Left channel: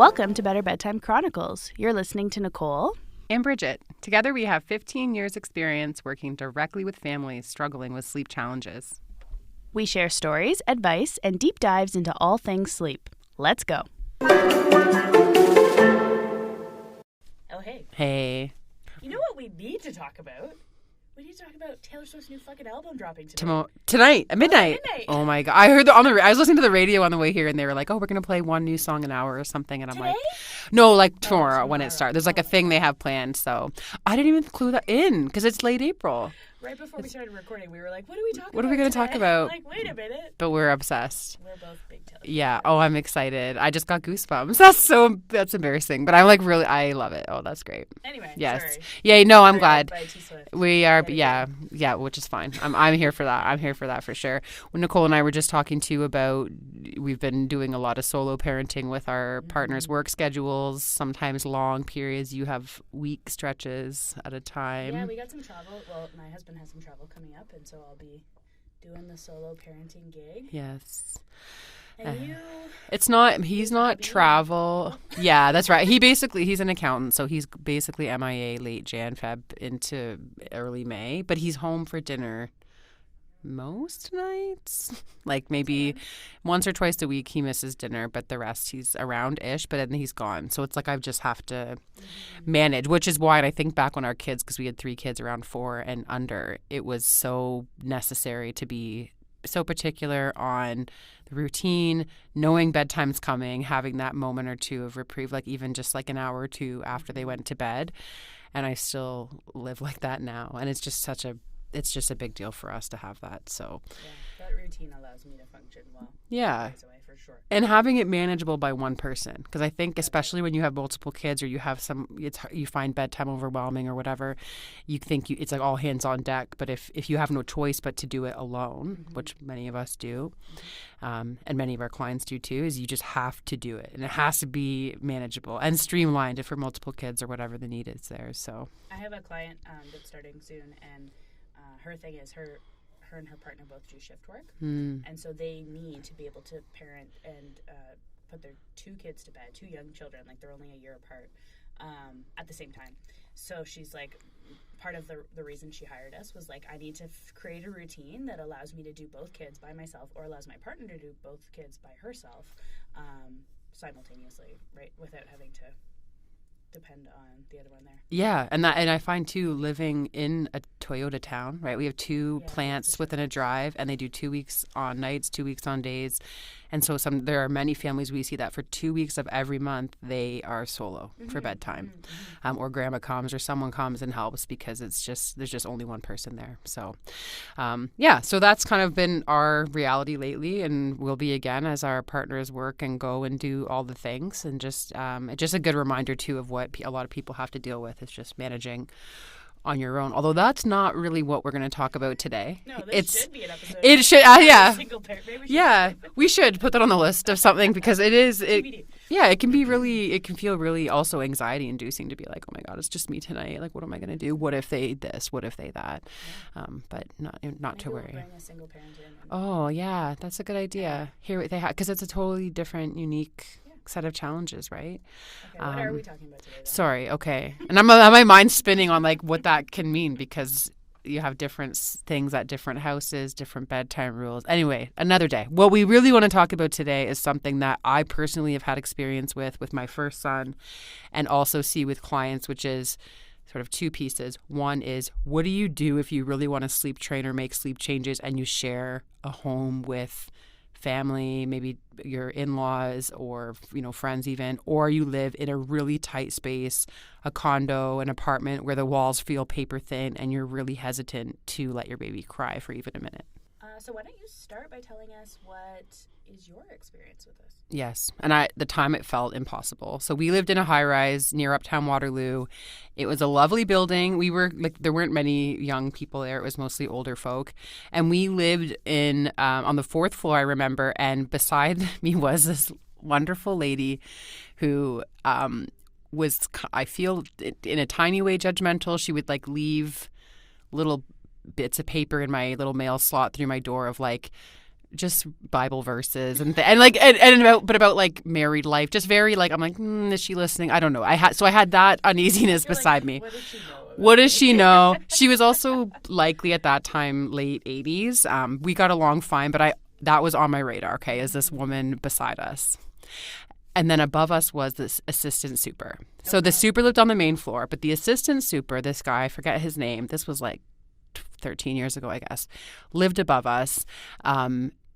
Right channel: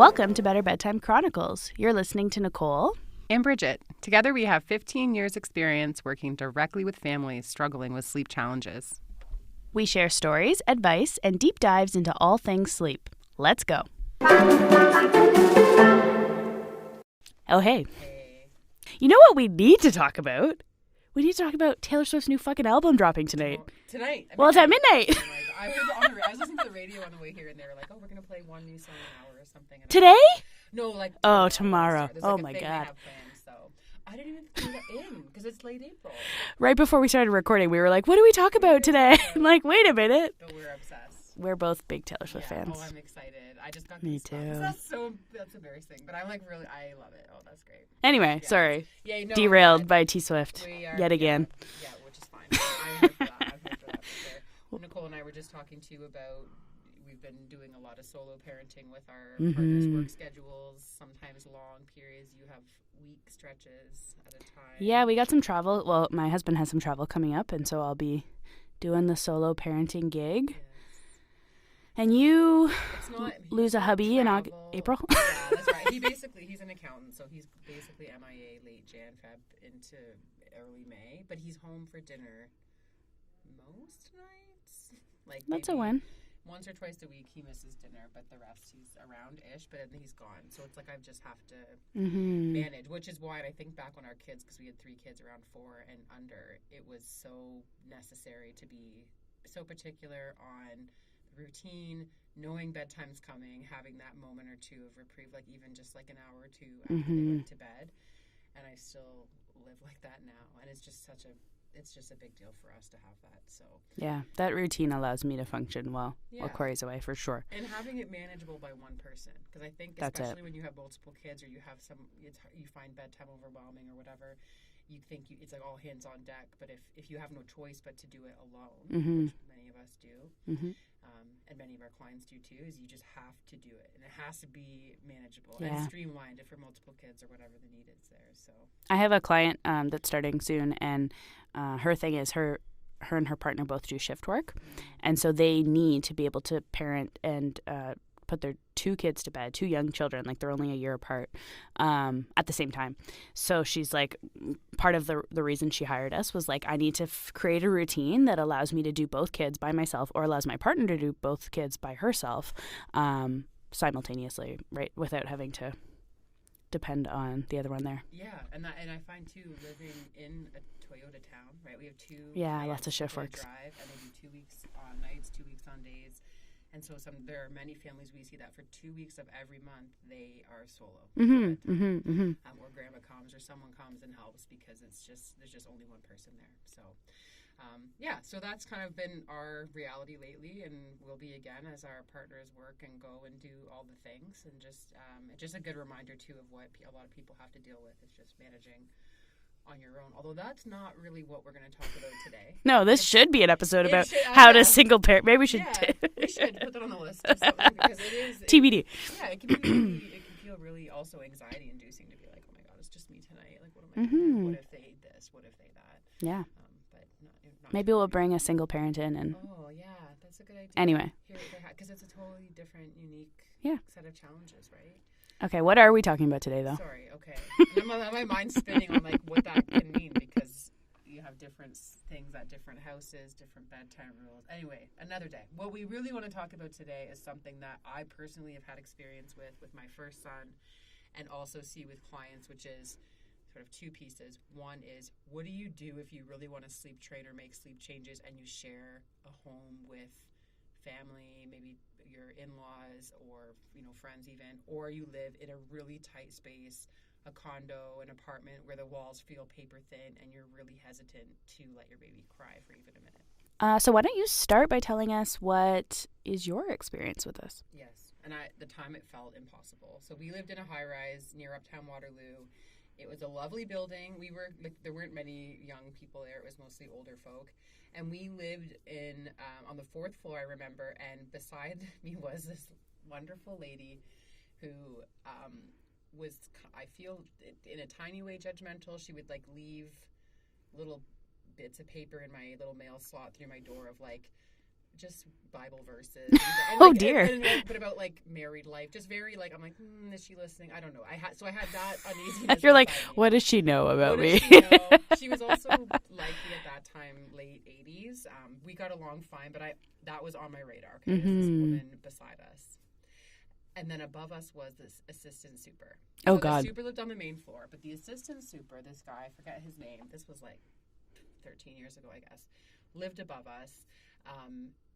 Welcome to Better Bedtime Chronicles. You're listening to Nicole and Bridget. Together we have 15 years experience working directly with families struggling with sleep challenges. We share stories, advice, and deep dives into all things sleep. Let's go. Oh, hey. Hey. You know what we need to talk about? We need to talk about Taylor Swift's new fucking album dropping tonight. Tonight, at midnight. Well, it's at midnight. Oh my god! I heard I was listening to the radio on the way here, and they were like, "Oh, we're gonna play one new song an hour or something." And Today? I'm like, no, like tomorrow, when it tomorrow. starts. There's like a thing they have planned, so I didn't even clue that in because it's late April. Right before we started recording, we were like, "What do we talk What are we about gonna today?" talk about? I'm like, wait a minute. But we're obsessed. We're both big Taylor Swift Yeah. fans. Oh, I'm excited. I just got goosebumps. too. That's embarrassing, but I'm like really. I love it. Oh, that's great. Anyway, Yes. sorry. Yeah. No, I'm Derailed glad. by T Swift. We are, yet again. yeah, which is fine. I'm here for that. I'm here for that for sure. When Nicole and I were just talking to you about, we've been doing a lot of solo parenting with our partners' work schedules, sometimes long periods. You have week stretches at a time. Yeah, we got some travel. Well, my husband has some travel coming up, and so I'll be doing the solo parenting gig. Yes. And you... It's not, he's lose a not hubby in travel. April? Yeah, that's right. He's an accountant, so he's basically MIA late Jan, Feb into early May, but he's home for dinner most nights. Like maybe once or twice a week he misses dinner, but the rest he's around-ish, but then he's gone. So it's like I just have to manage, which is why I think back on our kids, because we had 3 kids around 4 and under, it was so necessary to be so particular on the routine, knowing bedtime's coming, having that moment or two of reprieve, like even just like an hour or two after they went to bed. And I still live like that now. And it's just a big deal for us to have that. So yeah, that routine allows me to function well. Yeah. Corey's away for sure. And having it manageable by one person, because I think That's especially when you have multiple kids or you have you find bedtime overwhelming or whatever, you think it's like all hands on deck. But if you have no choice but to do it alone, which many of us do, and many of our clients do too, is you just have to do it, and it has to be manageable and streamlined if for multiple kids or whatever the need is there. So I have a client that's starting soon, and her thing is her and her partner both do shift work, and so they need to be able to parent and put their 2 kids to bed, 2 young children, like they're only a year apart, at the same time. So she's like, part of the reason she hired us was like, I need to create a routine that allows me to do both kids by myself, or allows my partner to do both kids by herself, simultaneously, right, without having to depend on the other one there. Yeah, and I find too, living in a Toyota town, right? We have 2 plants within a drive, and they do 2 weeks on nights, 2 weeks on days. And so there are many families we see that for 2 weeks of every month they are solo for bedtime, or grandma comes or someone comes and helps because there's just only one person there. So, so that's kind of been our reality lately, and will be again as our partners work and go and do all the things. And just a good reminder too of what a lot of people have to deal with is just managing on your own. Although that's not really what we're going to talk about today. No, this should be an episode about how a single parent. Maybe we should. Yeah, we should put that on the list of something because it is TBD. It can be really. It can feel really also anxiety inducing to be like, oh my god, it's just me tonight. Like, what am I going to do? What if they this? What if they that? Yeah. But not. Maybe we'll bring a single parent in and. Oh yeah, that's a good idea. Anyway, hear what they have, because it's a totally different, unique set of challenges, right? Okay, what are we talking about today, though? Sorry. Okay, and my mind's spinning on like what that can mean, because you have different things at different houses, different bedtime rules. Anyway, another day. What we really want to talk about today is something that I personally have had experience with my first son, and also see with clients, which is sort of 2 pieces. One is, what do you do if you really want to sleep train or make sleep changes and you share a home with family, maybe your in-laws or friends even, or you live in a really tight space, a condo, an apartment where the walls feel paper thin and you're really hesitant to let your baby cry for even a minute. So why don't you start by telling us what is your experience with this? Yes. And the time it felt impossible. So we lived in a high-rise near Uptown Waterloo. It was a lovely building. We were there weren't many young people there. It was mostly older folk. And we lived in on the 4th floor, I remember. And beside me was this wonderful lady who was, I feel, in a tiny way judgmental. She would leave little bits of paper in my little mail slot through my door of just Bible verses and like about like married life, just very like I'm like, is she listening? I don't know. I had that uneasiness You're beside like, me. What does she know about What me? does she know? She was also likely at that time late 80s. We got along fine, but that was on my radar. Okay, is this woman beside us? And then above us was this assistant super. So the super lived on the main floor, but the assistant super, this guy, I forget his name. This was like 13 years ago, I guess, lived above us.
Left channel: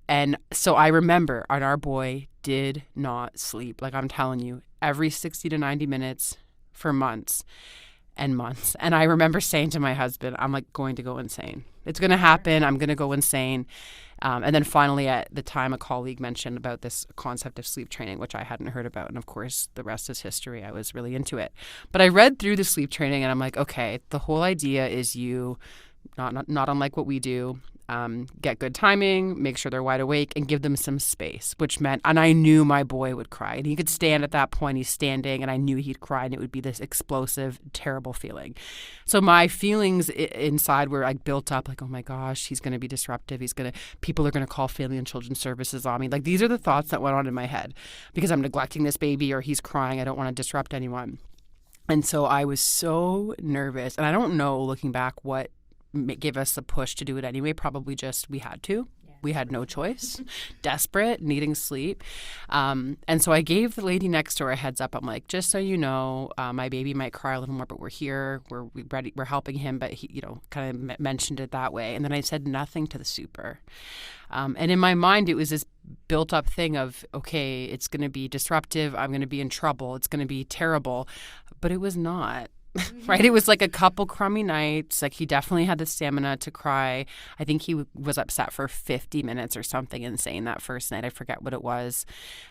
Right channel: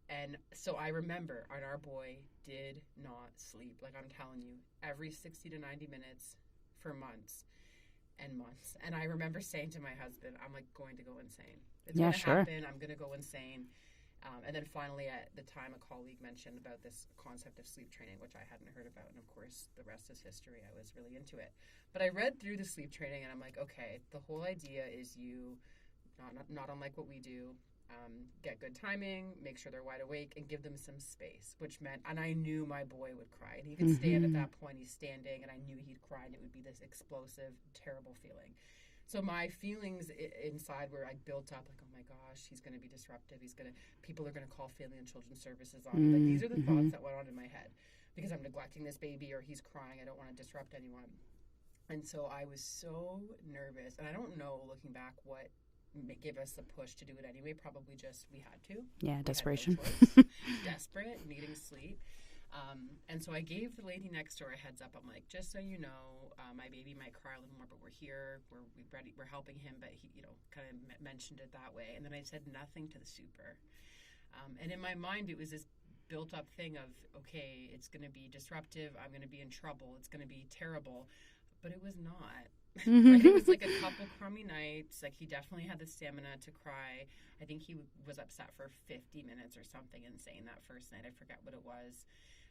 And so I remember, and our boy did not sleep. Like I'm telling you, every 60 to 90 minutes for months and months. And I remember saying to my husband, I'm like going to go insane. It's going to happen. I'm going to go insane. And then finally at the time, a colleague mentioned about this concept of sleep training, which I hadn't heard about. And of course, the rest is history. I was really into it. But I read through the sleep training and I'm like, okay, the whole idea is you, not unlike what we do, get good timing, make sure they're wide awake, and give them some space, which meant, and I knew my boy would cry. And he could stand at that point. He's standing, and I knew he'd cry, and it would be this explosive, terrible feeling. So my feelings inside were like built up, like, oh my gosh, he's going to be disruptive. People are going to call Family and Children's Services on me. Like these are the thoughts that went on in my head because I'm neglecting this baby or he's crying. I don't want to disrupt anyone. And so I was so nervous. And I don't know, looking back, what gave us a push to do it anyway. Probably just we had to. Yeah, we had no choice. Desperate, needing sleep. And so I gave the lady next door a heads up. I'm like, just so you know, my baby might cry a little more, but we're here. We're ready. We're helping him. But he, kind of mentioned it that way. And then I said nothing to the super. And in my mind, it was this built up thing of, okay, it's going to be disruptive. I'm going to be in trouble. It's going to be terrible. But it was not. Right? It was like a couple crummy nights. Like he definitely had the stamina to cry. I think he was upset for 50 minutes or something insane that first night. I forget what it was.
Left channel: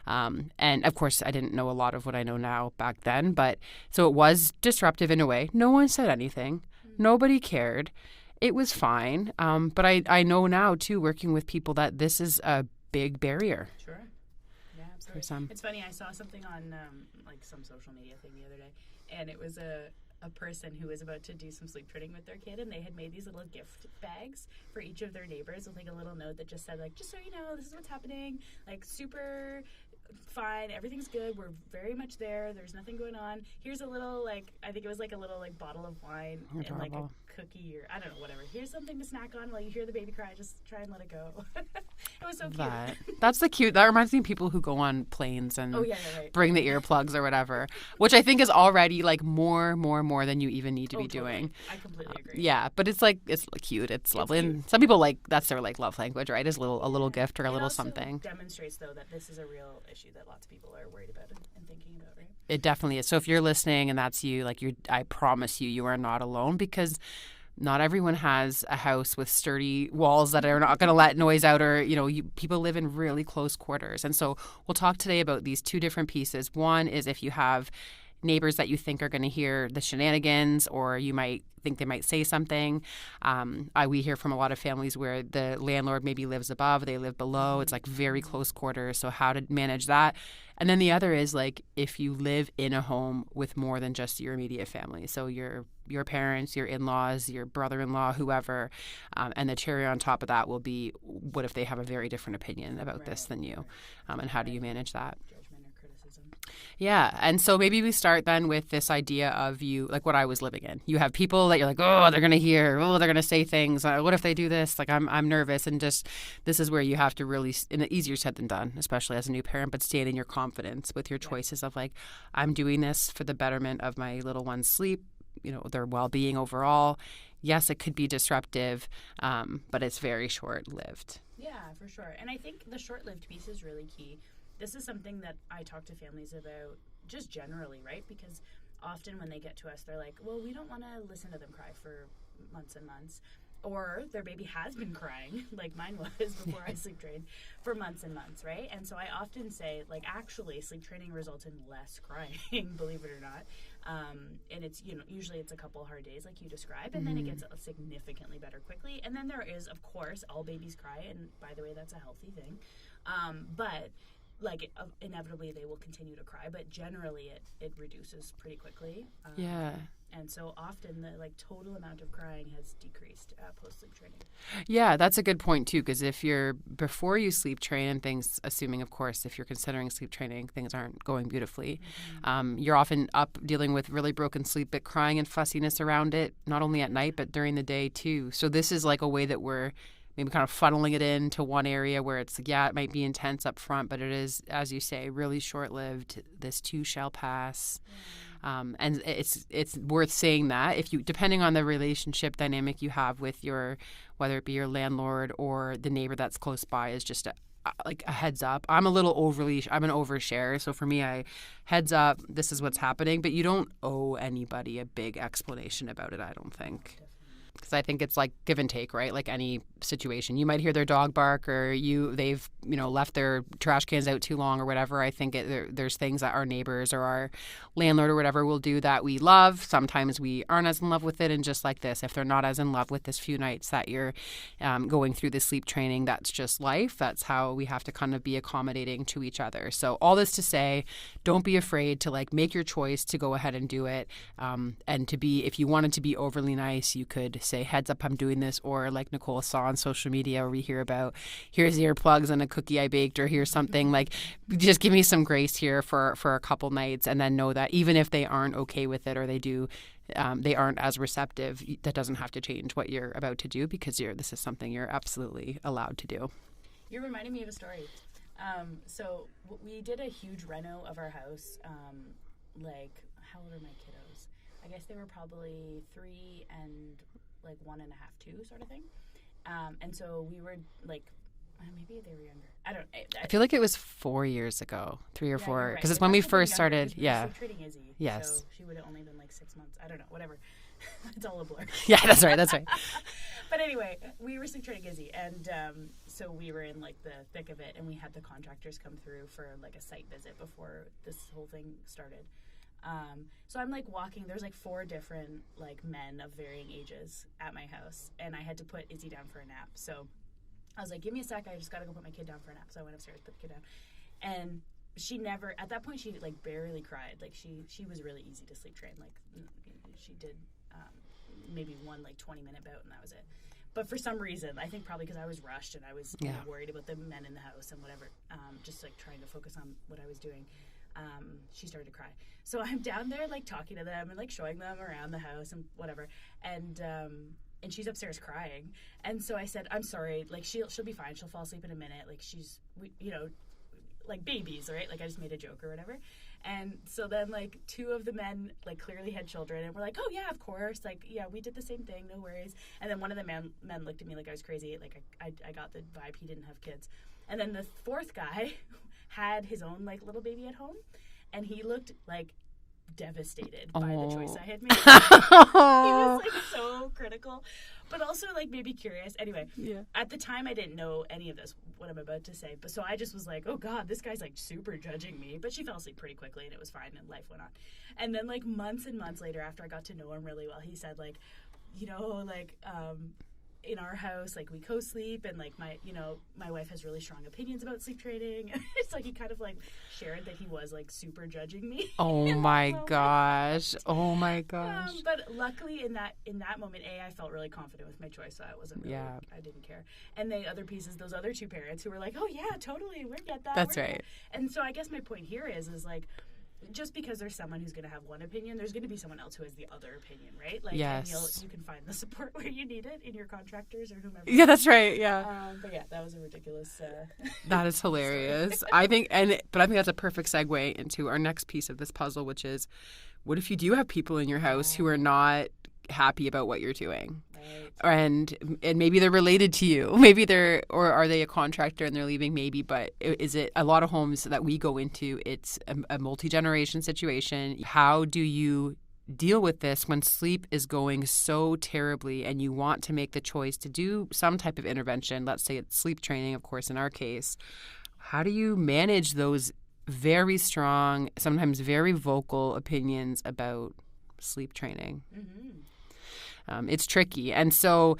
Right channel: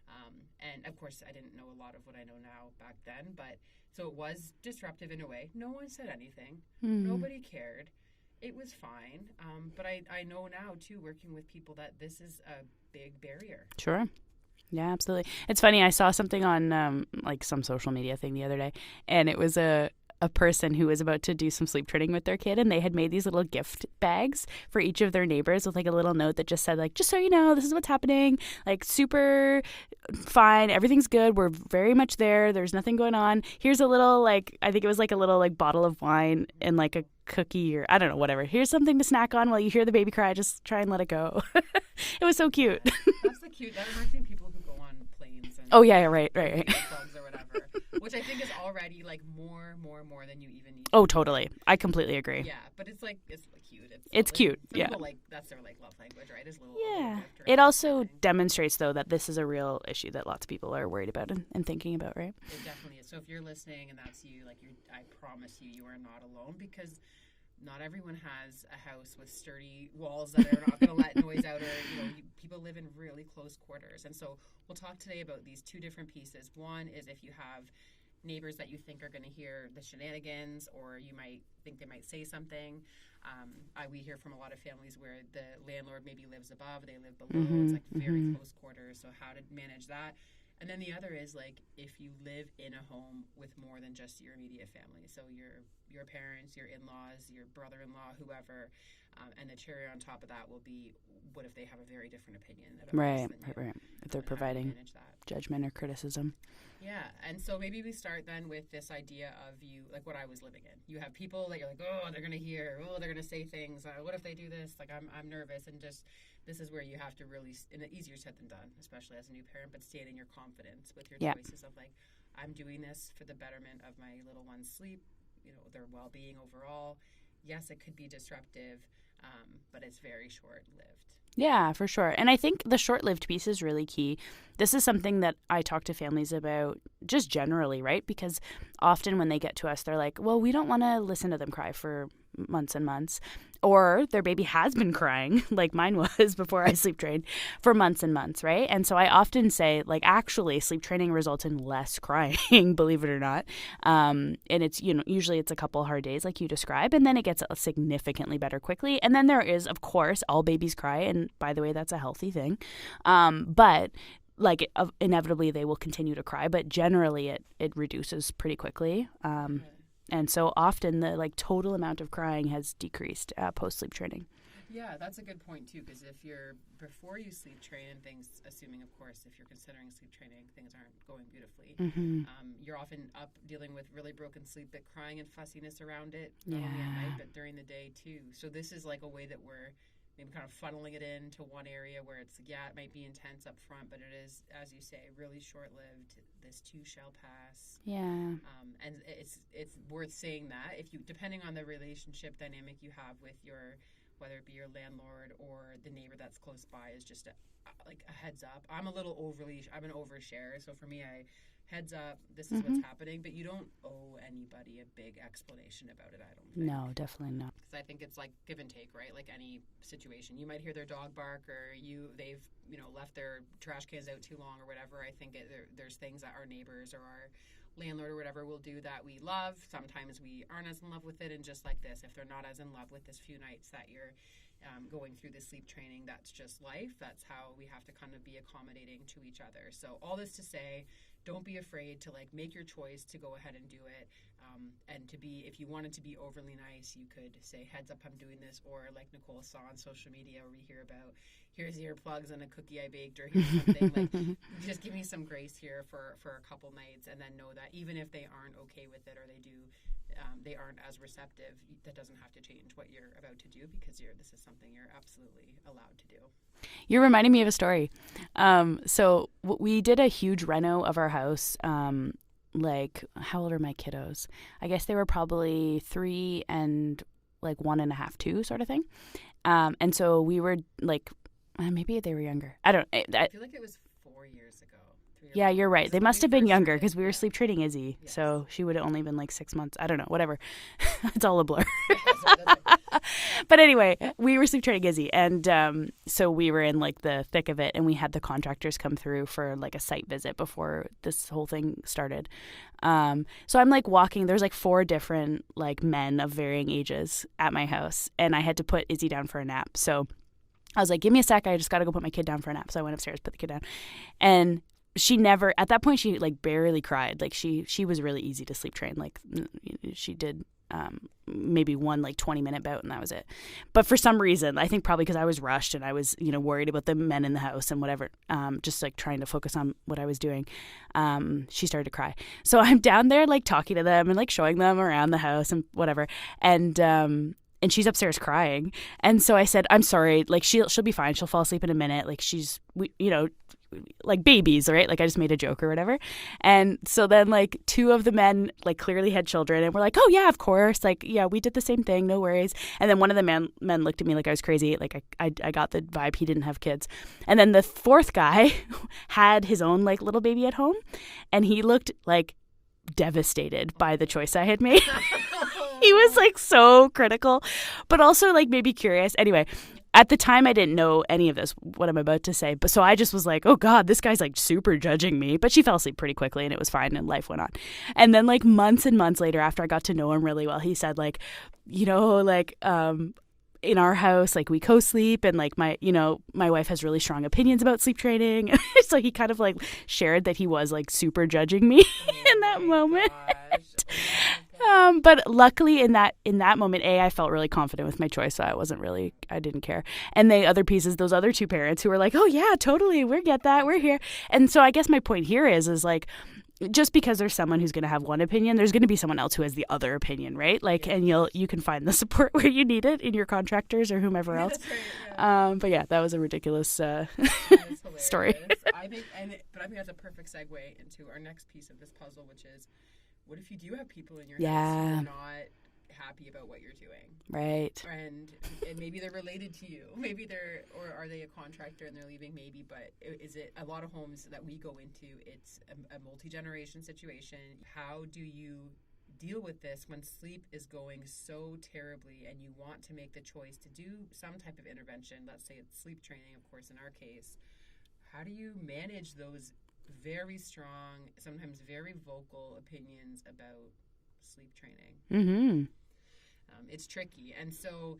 And of course, I didn't know a lot of what I know now back then. But so it was disruptive in a way. No one said anything. Nobody cared. It was fine. But I know now, too, working with people, that this is a big barrier. Sure. Yeah, absolutely. It's funny. I saw something on like some social media thing the other day, and it was a person who was about to do some sleep training with their kid, and they had made these little gift bags for each of their neighbors with like a little note that just said like, just so you know, this is what's happening, like super fine, everything's good, we're very much there, there's nothing going on, here's a little like, I think it was like a little like bottle of wine and like a cookie or I don't know, whatever, here's something to snack on while you hear the baby cry, just try and let it go. It was so cute. That's the cute. That reminds me of people who go on planes and bring the earplugs or whatever, which I think is already like more than you even need to be totally doing. I completely agree. Yeah, but it's like it's cute. It's lovely. Cute. Some people like that's their like love language, right? Is a little gift or a little something. It also demonstrates though that this is a real issue that lots of people are worried about and thinking about, right? It definitely is. So if you're listening and that's you, like I promise you are not alone, because not everyone has a house with sturdy walls that are not going to let noise out, or people live in really close quarters. And so we'll talk today about these two different pieces. One is if you have neighbors that you think are going to hear the shenanigans, or you might think they might say something. We hear from a lot of families where the landlord maybe lives above, they live below. It's like very close quarters. So how to manage that. And then the other is like if you live in a home with more than just your immediate family. So your parents, your in-laws, your brother-in-law, whoever, and the cherry on top of that will be what if they have a very different opinion about this than you, and how do you manage that? Judgment or criticism. Yeah, and so maybe we start then with this idea of you, like what I was living in. You have people that you're like, oh, they're going to hear, oh, they're going to say things. What if they do this? Like I'm nervous, and just this is where you have to really, and easier said than done, especially as a new parent, but stand in your confidence with your choices of like, I'm doing this for the betterment of my little one's sleep, their well-being overall. Yes, it could be disruptive, but it's very short-lived. Yeah, for sure. And I think the short-lived piece is really key. This is something that I talk to families about just generally, right? Because often when they get to us, they're like, well, we don't want to listen to them cry for months and months. Or their baby has been crying, like mine was before I sleep trained, for months and months, right? And so I often say, like, actually, sleep training results in less crying, believe it or not. And it's, usually it's a couple hard days like you describe, and then it gets significantly better quickly. And then there is, of course, all babies cry, and by the way, that's a healthy thing. But like inevitably they will continue to cry, but generally it reduces pretty quickly. And so often the like total amount of crying has decreased post sleep training. Yeah, that's a good point too, because if you're before you sleep train and things, assuming of course if you're considering sleep training, things aren't going beautifully. You're often up dealing with really broken sleep, but crying and fussiness around it, not only at night but during the day too. So this is like a way that we're maybe kind of funneling it into one area where it's like, yeah, it might be intense up front, but it is, as you say, really short-lived. This too shall pass. Yeah. And it's worth saying that if you, depending on the relationship dynamic you have with your, whether it be your landlord or the neighbor that's close by, is just like a heads up. I'm an overshare. So for me, I heads up, this is what's happening, but you don't owe anybody a big explanation about it, I don't think. No, definitely not. Because I think it's like give and take, right? Like any situation. You might hear their dog bark or they've left their trash cans out too long or whatever. I think there's things that our neighbors or our landlord or whatever will do that we love. Sometimes we aren't as in love with it. And just like this, if they're not as in love with this few nights that you're going through the sleep training, that's just life. That's how we have to kind of be accommodating to each other. So all this to say, don't be afraid to like make your choice to go ahead and do it. And to be, if you wanted to be overly nice, you could say, heads up, I'm doing this. Or like Nicole saw on social media where we hear about, here's earplugs and a cookie I baked, or here's something like, just give me some grace here for a couple nights, and then know that even if they aren't okay with it or they aren't as receptive, that doesn't have to change what you're about to do, because this is something you're absolutely allowed to do. You're reminding me of a story. So we did a huge reno of our house. Like, how old are my kiddos? I guess they were probably 3 and like 1.5, 2 sort of thing. And so we were like, maybe they were younger. I don't. I feel like it was 4 years ago, 3 or 4. Yeah, you're right. They must have been younger because we were sleep training Izzy. Yes. So she would have only been like 6 months. I don't know. Whatever. It's all a blur. Yeah, that's right. That's right. But anyway, we were sleep training Izzy, and so we were in like the thick of it, and we had the contractors come through for like a site visit before this whole thing started. So I'm like walking. There's like 4 different like men of varying ages at my house, and I had to put Izzy down for a nap. So I was like, give me a sec. I just got to go put my kid down for a nap. So I went upstairs, put the kid down. And she never, at that point, she like barely cried. Like she was really easy to sleep train. Like she did maybe one like 20-minute bout, and that was it. But for some reason, I think probably because I was rushed and I was, worried about the men in the house and whatever, just like trying to focus on what I was doing, she started to cry. So I'm down there like talking to them and like showing them around the house and whatever. And she's upstairs crying. And so I said, I'm sorry, like she'll be fine. She'll fall asleep in a minute. Like like babies, right? Like I just made a joke or whatever. And so then like 2 of the men like clearly had children and were like, oh yeah, of course. Like, yeah, we did the same thing. No worries. And then one of the men looked at me like I was crazy. Like I got the vibe he didn't have kids. And then the 4th guy had his own like little baby at home, and he looked like devastated by the choice I had made. He was like so critical, but also like maybe curious. Anyway, at the time I didn't know any of this, what I'm about to say, but so I just was like, oh God, this guy's like super judging me. But she fell asleep pretty quickly and it was fine and life went on. And then like months and months later, after I got to know him really well, he said like, in our house, like we co-sleep, and like my wife has really strong opinions about sleep training. So he kind of like shared that he was like super judging me. Oh my gosh. Oh my gosh. But luckily in that moment, I felt really confident with my choice. So I wasn't really, I didn't care. And the other pieces, those other 2 parents who were like, oh yeah, totally, we get that. We're here. And so I guess my point here is like, just because there's someone who's going to have one opinion, there's going to be someone else who has the other opinion, right? Like, yes. And you can find the support where you need it in your contractors or whomever else. Yeah, that's right. Yeah. But yeah, that was a ridiculous that is hilarious. Story. I think that's a perfect segue into our next piece of this puzzle, which is, what if you do have people in your house who are not happy about what you're doing, right? And maybe they're related to you, maybe or are they a contractor and they're leaving, maybe, but is it a lot of homes that we go into, it's a multi-generation situation. How do you deal with this when sleep is going so terribly and you want to make the choice to do some type of intervention? Let's say it's sleep training, of course, in our case. How do you manage those very strong, sometimes very vocal opinions about sleep training? Mm-hmm. It's tricky. And so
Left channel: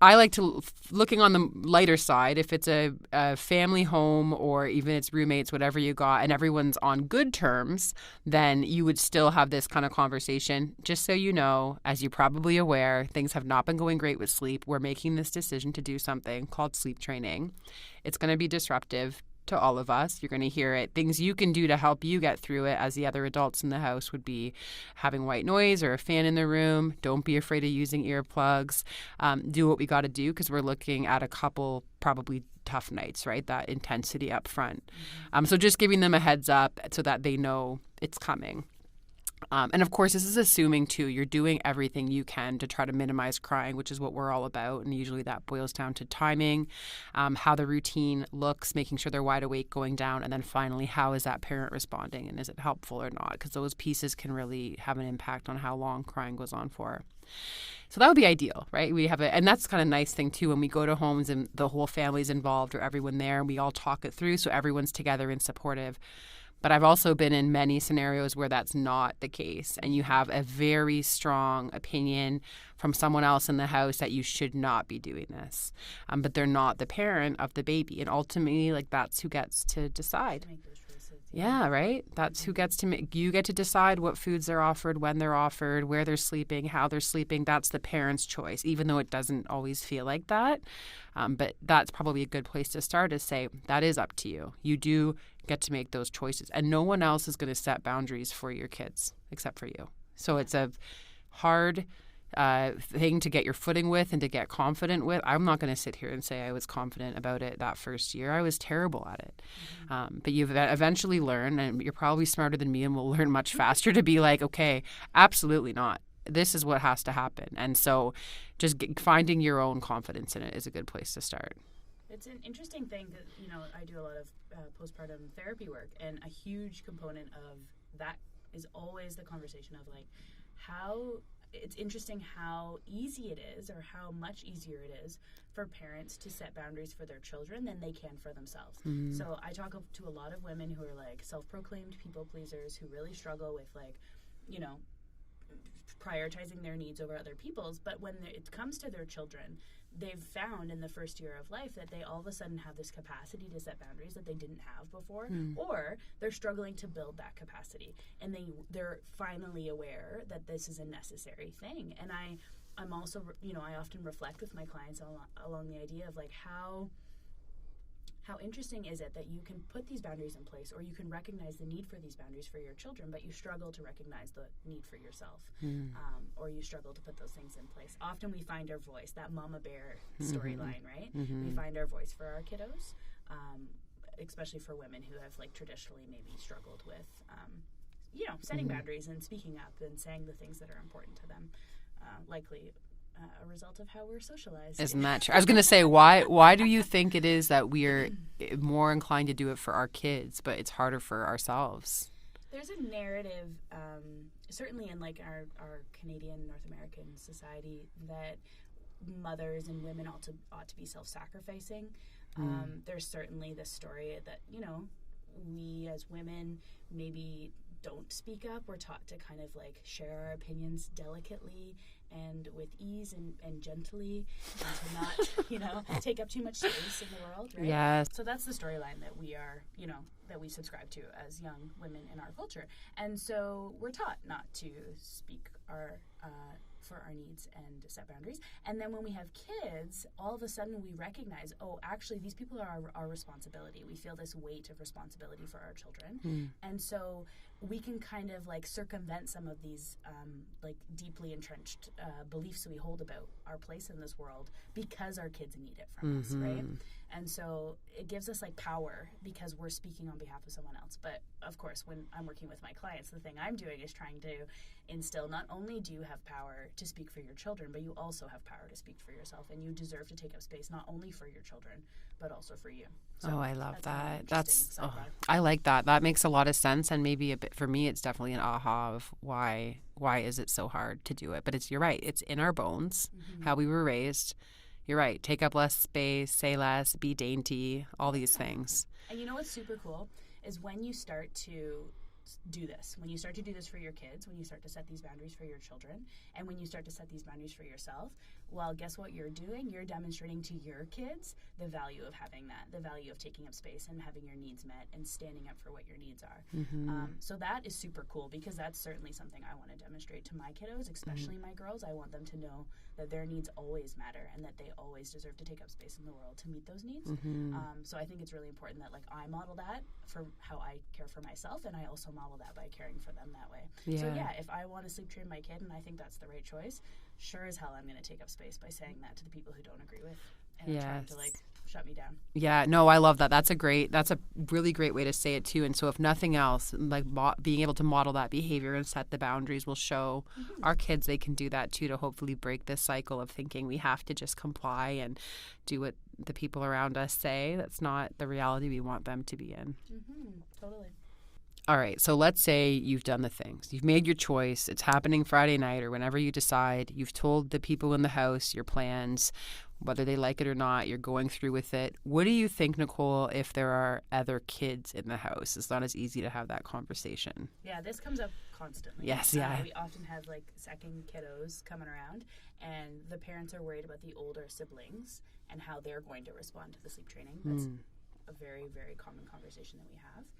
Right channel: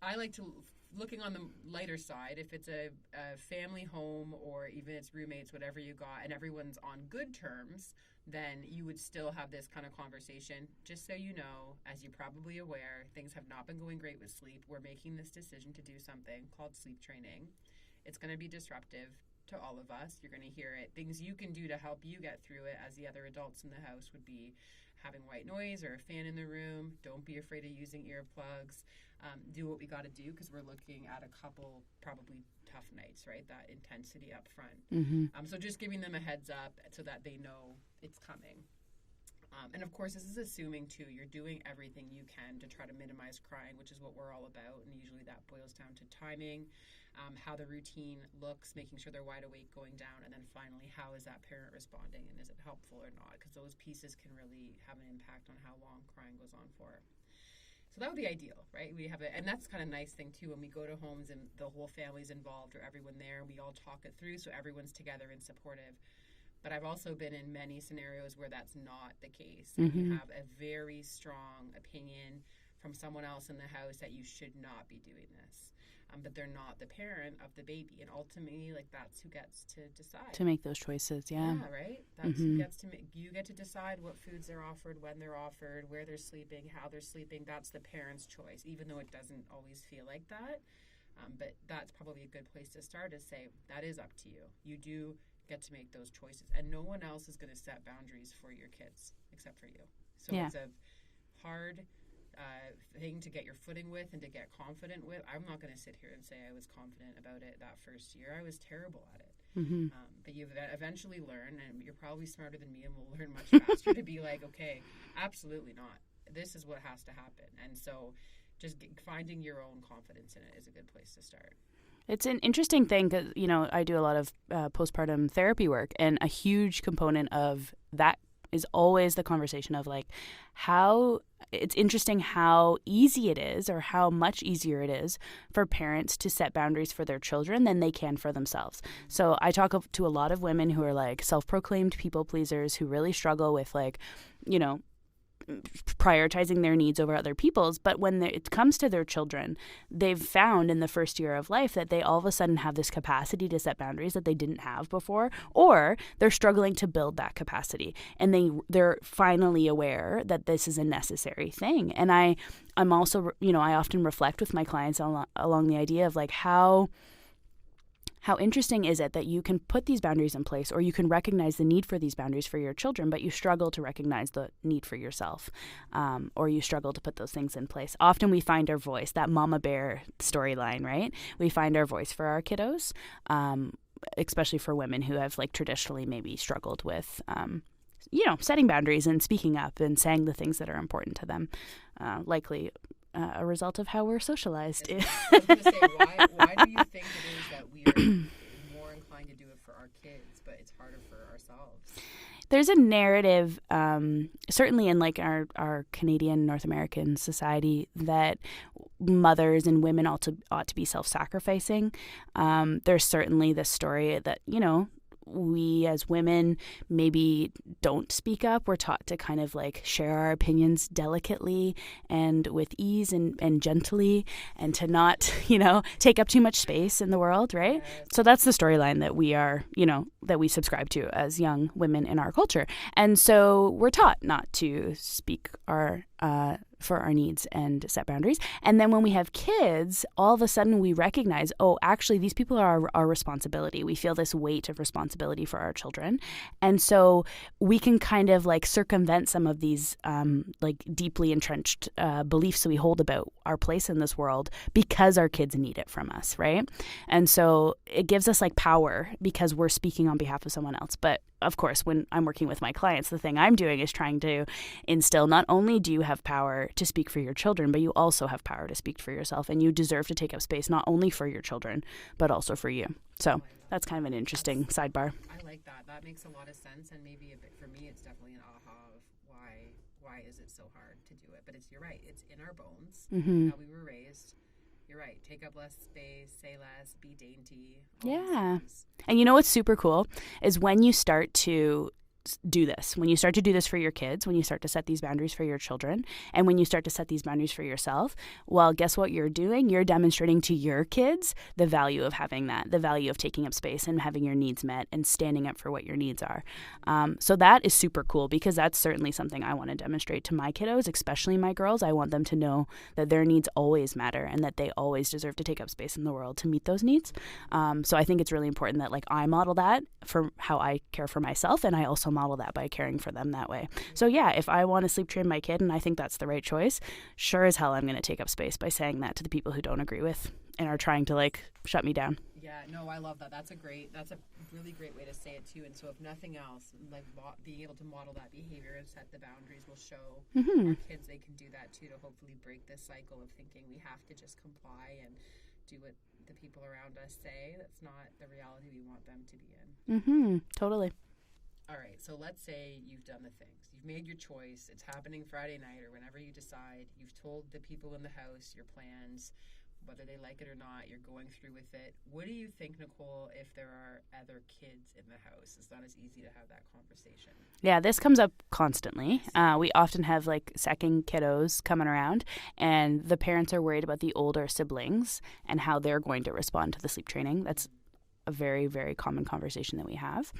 I like to, looking on the lighter side, if it's a family home or even it's roommates, whatever you got, and everyone's on good terms, then you would still have this kind of conversation. Just so you know, as you're probably aware, things have not been going great with sleep. We're making this decision to do something called sleep training. It's going to be disruptive to all of us. You're going to hear it. Things you can do to help you get through it as the other adults in the house would be having white noise or a fan in the room. Don't be afraid of using earplugs. Do what we got to do, because we're looking at a couple probably tough nights, right? That intensity up front. So just giving them a heads up so that they know it's coming. And of course, this is assuming, too, you're doing everything you can to try to minimize crying, which is what we're all about. And usually that boils down to timing, how the routine looks, making sure they're wide awake going down. And then finally, how is that parent responding, and is it helpful or not? Because those pieces can really have an impact on how long crying goes on for. So that would be ideal, right? We have and that's kind of nice thing too, when we go to homes and the whole family's involved or everyone there, and we all talk it through so everyone's together and supportive. But I've also been in many scenarios where that's not the case, and you have a very strong opinion from someone else in the house that you should not be doing this. But they're not the parent of the baby. And ultimately, like, that's who gets to decide. To make those choices, Yeah, right? That's who gets to make. You get to decide what foods they're offered, when they're offered, where they're sleeping, how they're sleeping. That's the parent's choice, even though it doesn't always feel like that. But that's probably a good place to start, is say, that is up to you. You do get to make those choices, and no one else is going to set boundaries for your kids except for you. So it's a hard thing to get your footing with and to get confident with. I'm not going to sit here and say I was confident about it that first year. I was terrible at it. But you've eventually learned, and you're probably smarter than me and will learn much faster to be like, okay, absolutely not. This is what has to happen. And so just finding your own confidence in it is a good place to start. It's an interesting thing because, I do a lot of postpartum therapy work, and a huge component of that is always the conversation of, like, it's interesting how easy it is, or how much easier it is for parents to set boundaries for their children than they can for themselves. So I talk to a lot of women who are, like, self-proclaimed people pleasers, who really struggle with, like, prioritizing their needs over other people's. But when it comes to their children, they've found in the first year of life that they all of a sudden have this capacity to set boundaries that they didn't have before, or they're struggling to build that capacity, and they're finally aware that this is a necessary thing. And I'm also, I often reflect with my clients along the idea of, like, how interesting is it that you can put these boundaries in place, or you can recognize the need for these boundaries for your children, but you struggle to recognize the need for yourself, or you struggle to put those things in place. Often we find our voice, that mama bear storyline, right? We find our voice for our kiddos, especially for women who have, like, traditionally maybe struggled with, setting boundaries and speaking up and saying the things that are important to them, likely a result of how we're socialized. Isn't that true? I was going to say, why do you think it is that we're more inclined to do it for our kids, but it's harder for ourselves? There's a narrative, certainly in, like, our Canadian, North American society, that mothers and women ought to be self-sacrificing. There's certainly this story that, we as women maybe don't speak up. We're taught to kind of, like, share our opinions delicately and with ease and gently, and to not, take up too much space in the world, right? Yes. So that's the storyline that we are, that we subscribe to as young women in our culture. And so we're taught not to speak for our needs and set boundaries. And then when we have kids, all of a sudden we recognize, oh, actually these people are our responsibility. We feel this weight of responsibility for our children. And so we can kind of, like, circumvent some of these like, deeply entrenched beliefs that we hold about our place in this world, because our kids need it from us, right? And so it gives us, like, power because we're speaking on behalf of someone else. But of course, when I'm working with my clients, the thing I'm doing is trying to instill, not only do you have power to speak for your children, but you also have power to speak for yourself, and you deserve to take up space not only for your children, but also for you. So that's kind of an interesting sidebar. I like that. That makes a lot of sense, and maybe a bit, for me, it's definitely an aha of why is it so hard to do it. But you're right. It's in our bones, how we were raised. You're right. Take up less space, say less, be dainty, all these things. And you know what's super cool is when you start to do this, when you start to do this for your kids, when you start to set these boundaries for your children, and when you start to set these boundaries for yourself, well, guess what you're doing? You're demonstrating to your kids the value of having that, the value of taking up space and having your needs met and standing up for what your needs are. So that is super cool, because that's certainly something I want to demonstrate to my kiddos, especially my girls. I want them to know that their needs always matter and that they always deserve to take up space in the world to meet those needs. So I think it's really important that, like, I model that for how I care for myself, and I also model that by caring for them that way. So yeah, if I want to sleep train my kid and I think that's the right choice, sure as hell I'm going to take up space by saying that to the people who don't agree with and are trying to, like, shut me down. Yeah, no, I love that. That's a really great way to say it too. And so if nothing else, like being able to model that behavior and set the boundaries will show our kids they can do that too, to hopefully break this cycle of thinking we have to just comply and do what the people around us say. That's not the reality we want them to be in. Totally. All right, so let's say you've done the things. You've made your choice. It's happening Friday night or whenever you decide. You've told the people in the house your plans, whether they like it or not. You're going through with it. What do you think, Nicole, if there are other kids in the house? It's not as easy to have that conversation. Yeah, this comes up constantly. Yes, we often have, like, second kiddos coming around, and the parents are worried about the older siblings and how they're going to respond to the sleep training. That's a very, very common conversation that we have.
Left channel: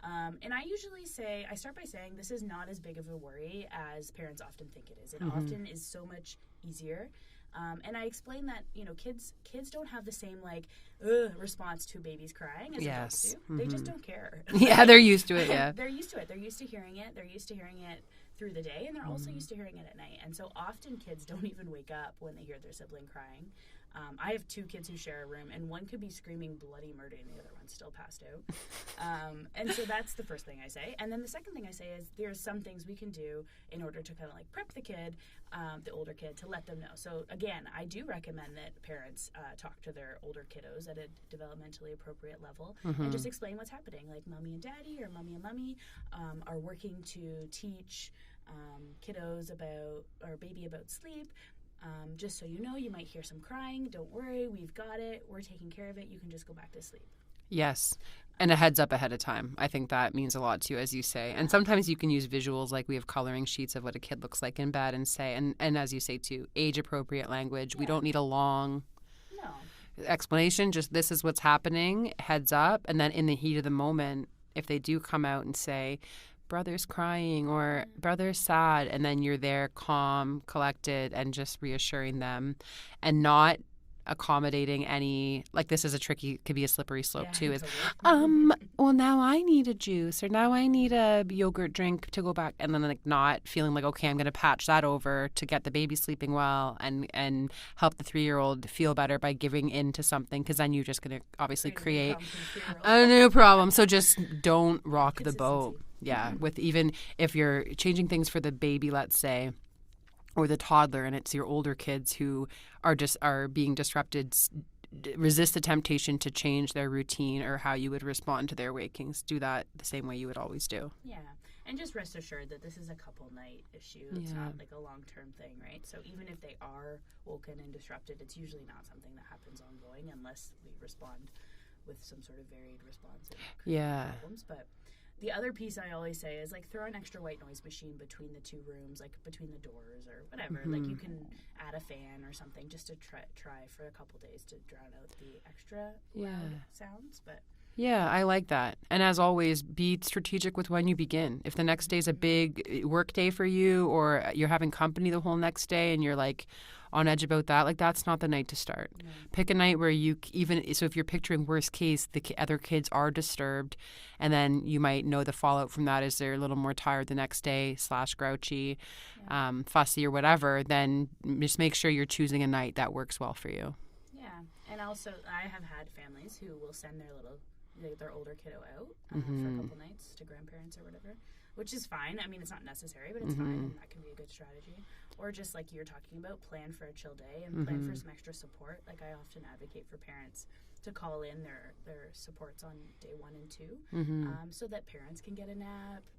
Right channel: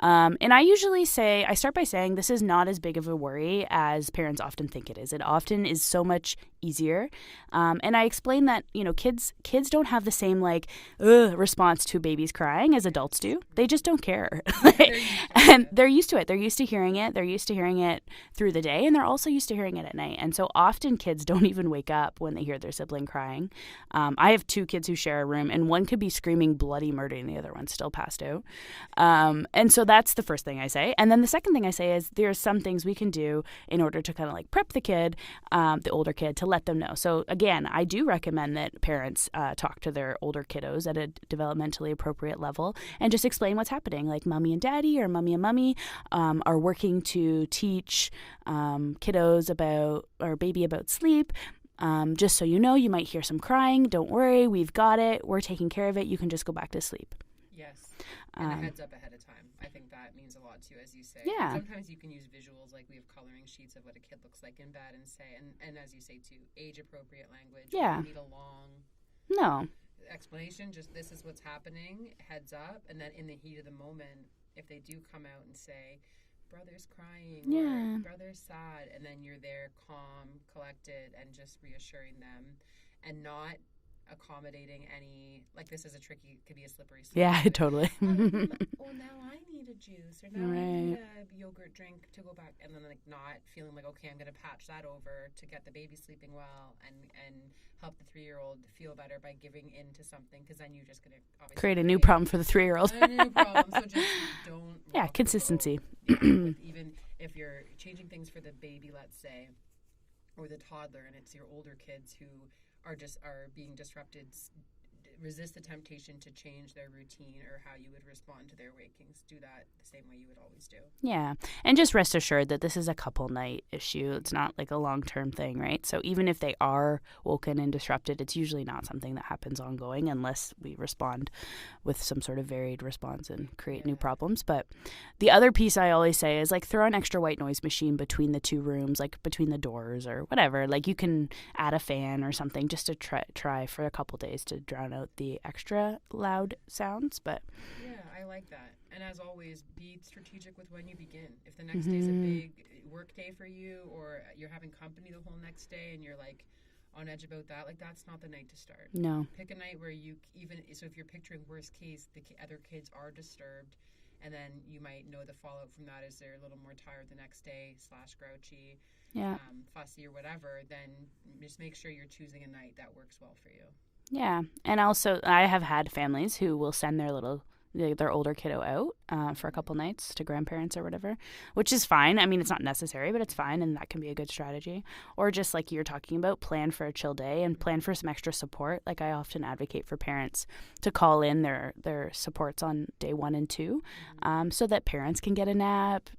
And I usually start by saying this is not as big of a worry as parents often think it is. It often is so much easier. And I explain that, kids don't have the same, like, response to babies crying as adults do. They just don't care. Yeah, they're used to it. And they're used to it. They're used to hearing it. They're used to hearing it through the day, and they're also used to hearing it at night. And so often kids don't even wake up when they hear their sibling crying. I have 2 kids who share a room, and one could be screaming bloody murder and the other one's still passed out. And so that's the first thing I say. And then the second thing I say is there's some things we can do in order to kind of, like, prep the kid, the older kid, to let them know. So again, I do recommend that parents talk to their older kiddos at a developmentally appropriate level and just explain what's happening. Like, mommy and daddy or mommy and mummy are working to teach kiddos about, or baby about sleep. Just so you know, you might hear some crying. Don't worry, we've got it. We're taking care of it. You can just go back to sleep. Yes. And a heads up ahead of time. I think that means a lot too, as you say. Yeah. And sometimes you can use visuals, like we have coloring sheets of what a kid looks like in bed, and say, and as you say too, age appropriate language. Yeah. We don't need a long explanation. Just this is what's happening, heads up. And then in the heat of the moment, if they do come out and say, brother's crying or brother's sad, and then you're there calm, collected, and just reassuring them and not accommodating any, like, this is could be a slippery slope. Yeah, too. Totally. Well, now I need a juice, or now I need a yogurt drink to go back, and then, like, not feeling like, okay, I'm going to patch that over to get the baby sleeping well and help the 3-year-old feel better by giving in to something, because then you're just going to obviously create a new problem for the 3-year-old. A new problem. So just don't rock the consistency. boat. Yeah, with even if you're changing things for the baby, let's say, or the toddler, and it's your older kids who are being disrupted, resist the temptation to change their routine or how you would respond to their wakings. Do that the same way you would always do. Yeah. And just rest assured that this is a couple night issue. It's not like a long-term thing, right? So even if they are woken and disrupted, it's usually not something that happens ongoing unless we respond with some sort of varied response and create new problems. But the other piece I always say is, like, throw an extra white noise machine between the 2 rooms, like between the doors or whatever. Like, you can add a fan or something just to try for a couple days to drown out the extra loud sounds. But yeah, I like that. And as always, be strategic with when you begin. If the next day's a big work day for you, or you're having company the whole next day and you're, like, on edge about that, like, that's not the night to start. No. Pick a night where so if you're picturing worst case, the other kids are disturbed, and then you might know the fallout from that is they're a little more tired the next day / grouchy, fussy or whatever, then just make sure you're choosing a night that works well for you. Yeah. And also, I have had families who will send their older kiddo out for a couple nights to grandparents or whatever, which is fine. I mean, it's not necessary, but it's fine, and that can be a good strategy. Or just like you're talking about, plan for a chill day and plan for some extra support. Like, I often advocate for parents to call in their supports on day 1 and 2 so that parents can get a nap,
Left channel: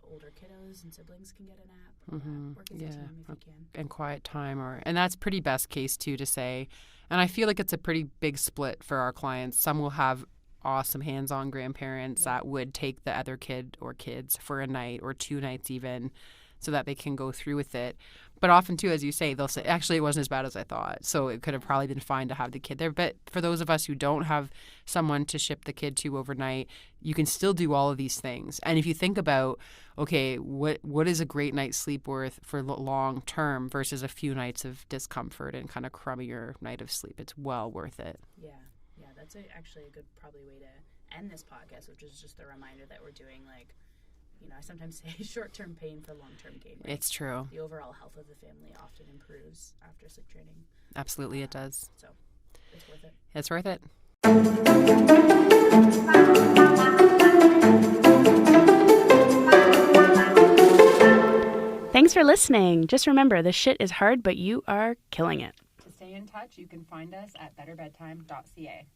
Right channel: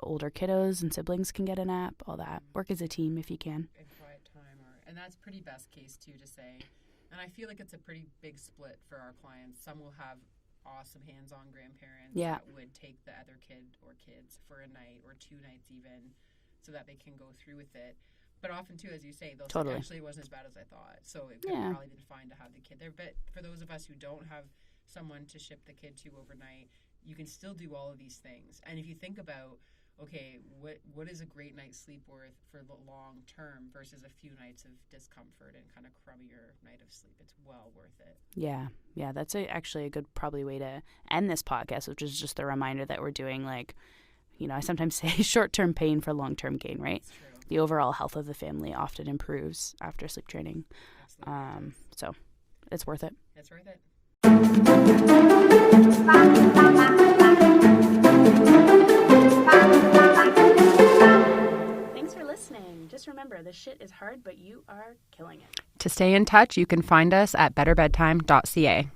older kiddos and siblings can get a nap, all that. Work as a team if you can. And quiet time. And that's pretty best case too, to say. And I feel like it's a pretty big split for our clients. Some will have awesome hands-on grandparents that would take the other kid or kids for a night or 2 nights even, so that they can go through with it. But often, too, as you say, they'll say, actually, it wasn't as bad as I thought. So it could have probably been fine to have the kid there. But for those of us who don't have someone to ship the kid to overnight, you can still do all of these things. And if you think about, okay, what is a great night's sleep worth for long term versus a few nights of discomfort and kind of crummier night of sleep, it's well worth it. Yeah. Yeah, that's actually a good probably way to end this podcast, which is just the reminder that we're doing, like, you know, I sometimes say short-term pain for long-term gain, right? It's true. The overall health of the family often improves after sleep training. Absolutely, it does. So it's worth it. It's worth it. Thanks for listening. Just remember, the shit is hard, but you are killing it. To stay in touch, you can find us at betterbedtime.ca.